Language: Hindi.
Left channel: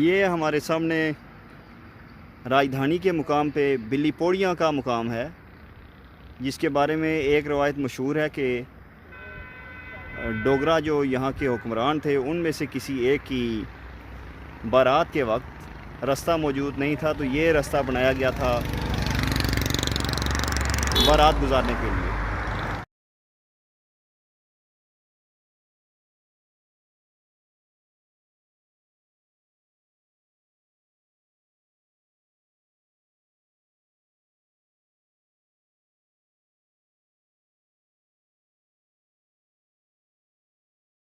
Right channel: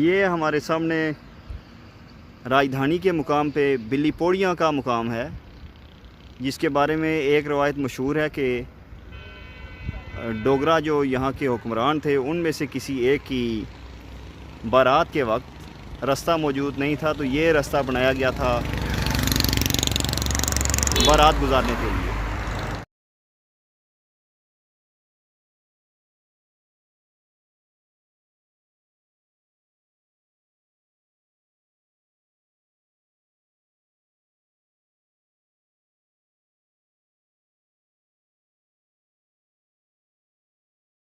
ये हमारे सामने राजधानी के मुकाम पे बिल्ली पौड़ियाँ का मुकाम है, जिसके बारे में एक रवायत मशहूर है कि डोगरा जो यहाँ के हुक्मरान थे उनमें से किसी एक की बारात के वक्त रास्ता मौजूद नहीं था, तो ये रास्ता बनाया गया था बारात गुजारने के लिए।